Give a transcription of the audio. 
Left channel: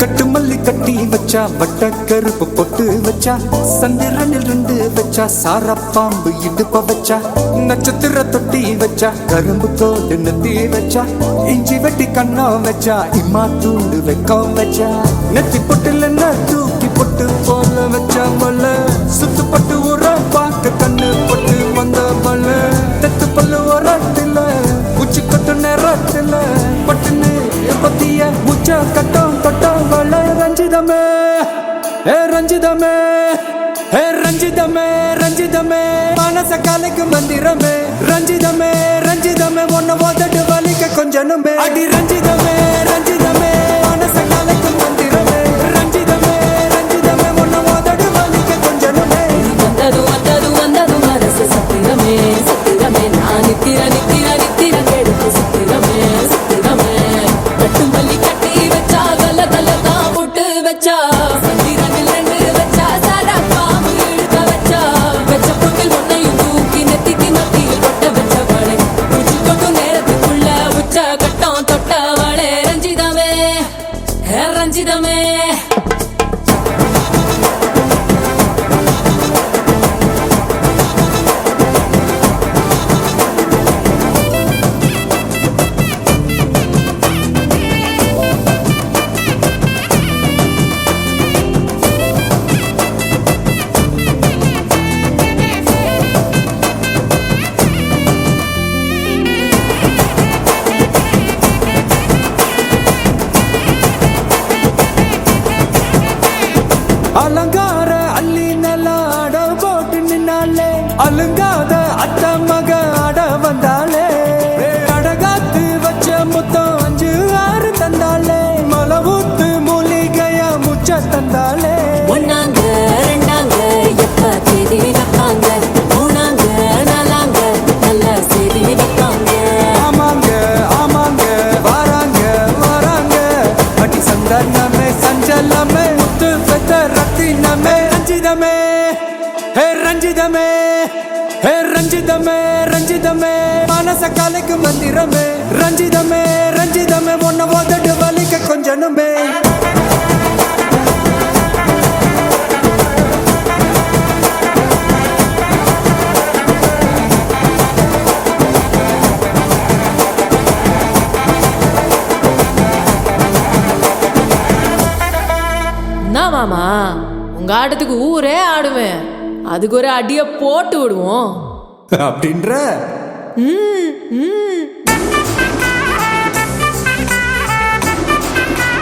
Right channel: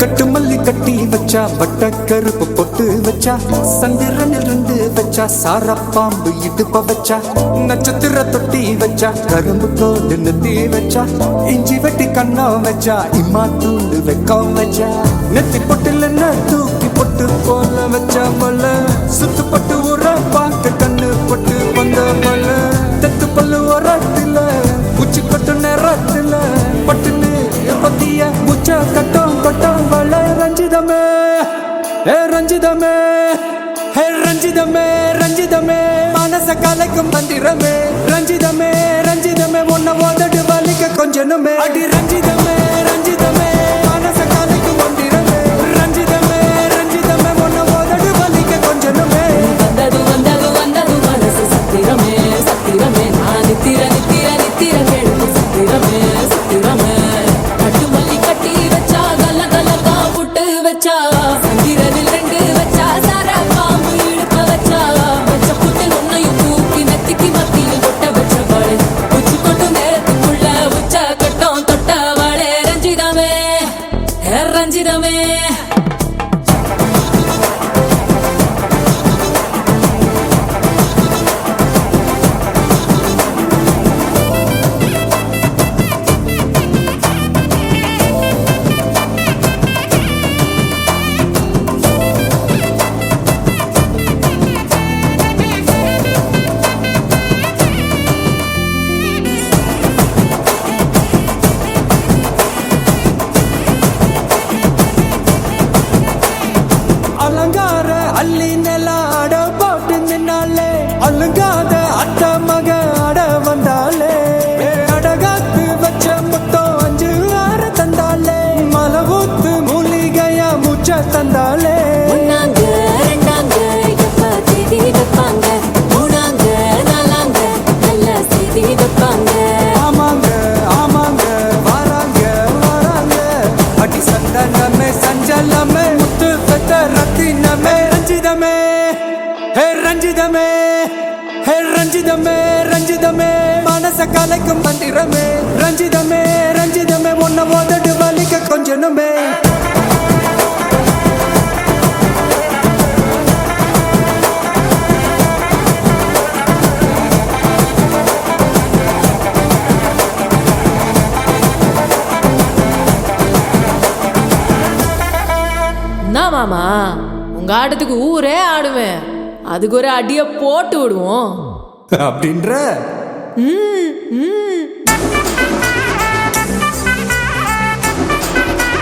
கட்டு மல்லி கட்டி வச்சா வட்ட கருப்பு பொட்டு வச்சா சந்திரனில் ரெண்டு வச்சா சார பாம்பு இடுப்ப வச்சா நட்சத்திர தொட்டி வச்சா கரும்பு தோடு நெத்தி வச்சா இஞ்சி வெட்டி கண்ணம் வச்சா இம்மா தூண்டு வெக்கம் வச்சா நெத்தி பொட்டுல தூக்கி பொட்டு போல வச்சா மல சுத்து பட்டு உர பாக்க கண்ணு பொட்டு வந்த மல தெத்து பல்லு உரத்துல உச்சி கொட்டு நேரத்துல பட்டுன்னு பத்திய முச்ச கட்டம் கட்டம் வள ரஞ்சிதமே ஏ ரஞ்சிதமே ஏ ரஞ்சிதமே ரஞ்சிதமே மனச கலைக்கும் மந்திரமே ரஞ்சிதமே ரஞ்சிதமே உன்னை மோதட்டு வலிக்க கொஞ்சனுமே அடி ரஞ்சிதமே ரஞ்சிதமே மனச கலைக்கும் மந்திரமே ரஞ்சிதமே ரஞ்சிதமே உன்னை மோதட்டு வலிக்க கொஞ்சனுமே வந்தது வந்தது வந்தது மனசு சத்திரமே சத்திரமே நான் நித்திர நித்திர நித்திரம் எழுது சத்திரமே சத்திரமே கட்டு மல்லி கட்டி வச்சா கல கல தான் பொட்டு வச்சா சந்திரனில் ரெண்டு வச்சா சாரா பாம்பு இழுக்க வச்சா வச்ச புட்டில் ஒன்னையும் தூக்கி நெத்திக்கு நத்தியில் தொட்ட வச்ச வளை உச்சி கொண்டு நேரத்துக்குள்ள உச்ச கட்டம் தொட்ட வளை ரஞ்சிதமே ரஞ்சிதமே அலங்கார அள்ளி நல்ல ஆட போட்டு நின்னாலே அலங்காத அத்த மக ஆட வந்தாலே அடகாத்து வச்ச முத்தம் வச்சு ஆறு தந்தாலே மலவூத்து மூலிகையா முச்ச தந்தாலே ஒன்னாங்க ரெண்டாங்க எப்ப தேதி வைப்பாங்க மூணாங்க நாலாங்க நல்ல செய்தி வைப்பாங்க ஆமாங்க ஆமாங்க வராங்க வராங்க அடி சந்தனமே சஞ்சலமே முத்து பெத்த ரத்தினமே ரஞ்சிதமே ஹே ரஞ்சிதமே ஹே ரஞ்சிதமே ரஞ்சிதமே மனச கலைக்கும் மந்திரமே ரஞ்சிதமே ரஞ்சிதமே உன்னை ஓதட்டு வலிக்க கொஞ்சனுமே என்ன மாமா உங்க ஆட்டத்துக்கு ஊரே ஆடுவேன் அதுக்கு ஒரு அடிய போட்டு விடுவோம் அப்படின்ற ம் ம்